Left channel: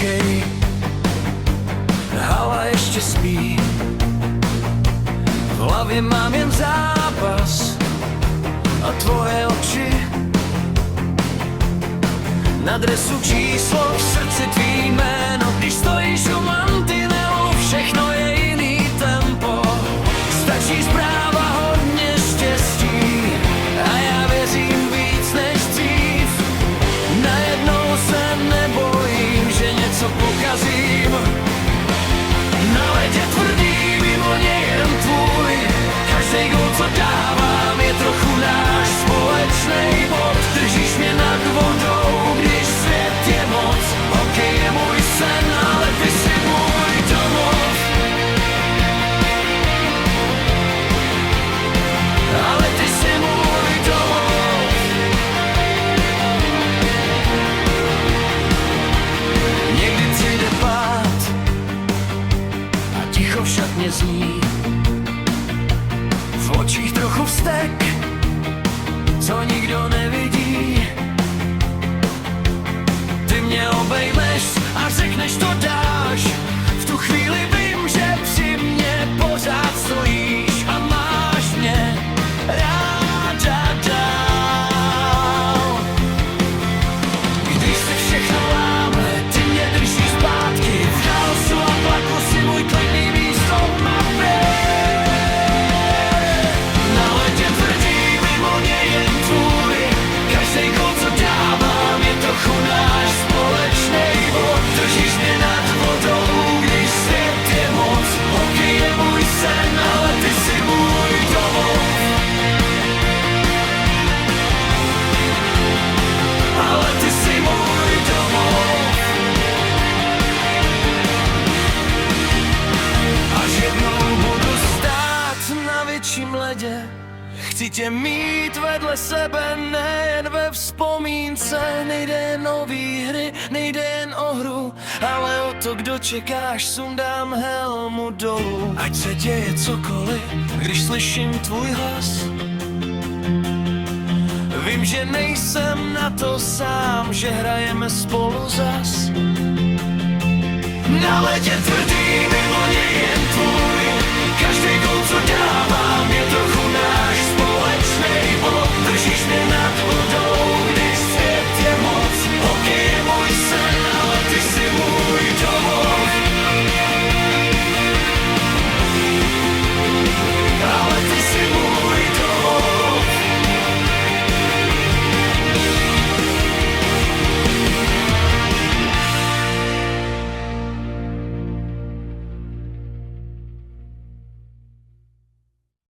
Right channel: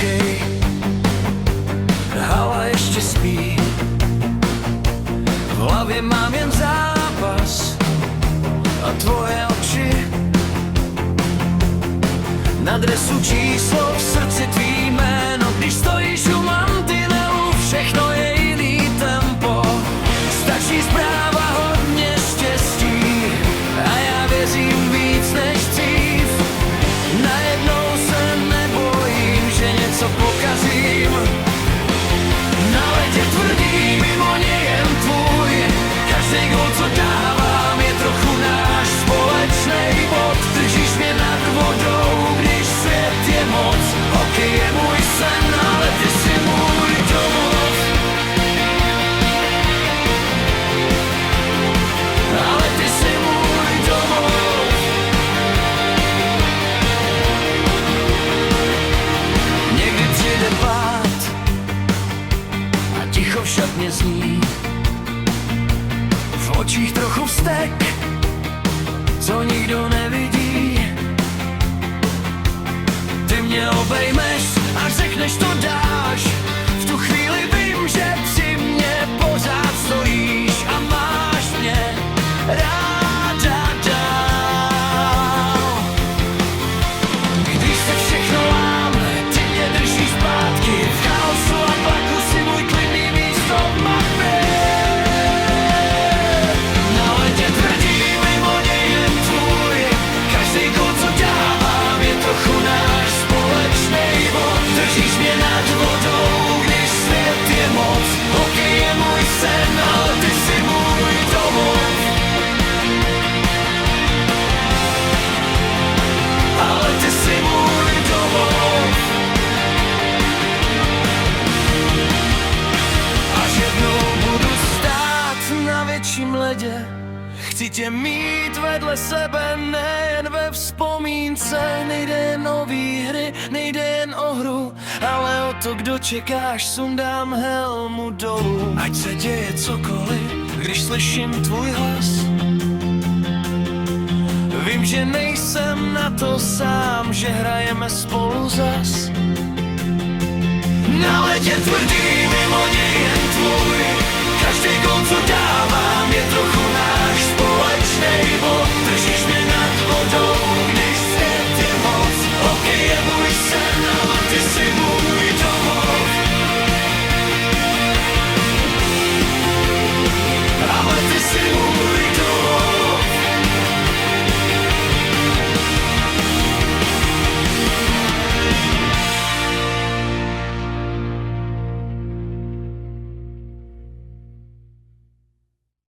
tichej, hala ještě spí. V hlavě mám jen zápas a tvoje oči. Na dresu číslo, v srdci tvý jméno. Když stojíš u mantinelu, všechno je jiný tempo. Stačí zpráva, hodně štěstí a já věřím víc než dřív. Najednou se nebojím, že něco pokazím. Na ledě tvrdý, mimo ně jen tvůj. Každej gól, co dávám, je trochu náš společnej bod. Držíš mě nad vodou, když svět je moc. Hokej je můj sen, ale ty jsi můj domov. Ale ty jsi můj domov. Někdy přijde pád a ticho v šatně zní. V očích trochu vztek, co nikdo nevidí. Ty mě obejmeš a řekneš, to dáš. V tu chvíli vím, že při mně pořád stojíš a máš mě ráda dál. Když se všechno láme, ty mě držíš zpátky. V chaosu a tlaku si můj klidný místo v mapě. Na ledě tvrdí, mimo ně jen tvůj. Každej gól, co dávám, je trochu náš společnej bod. Držíš mě nad vodou, když svět je moc. Hokej je můj sen, ale ty jsi můj domov. Ale ty jsi můj domov. Až jednou budu stát na větším ledě, chci tě mít vedle sebe, nejen ve vzpomínce. Nejde jen o výhry, nejde jen o hru, ale o to, kdo čekáš, sundám helmu dolů. Ať se děje cokoliv, když slyším tvůj hlas. Vím, že nejsem na to sám, že hrajeme spolu zas. Na ledě tvrdý, mimo něj jen tvůj. Každej gól, co dávám, je trochu náš společnej bod. Držíš mě nad vodou,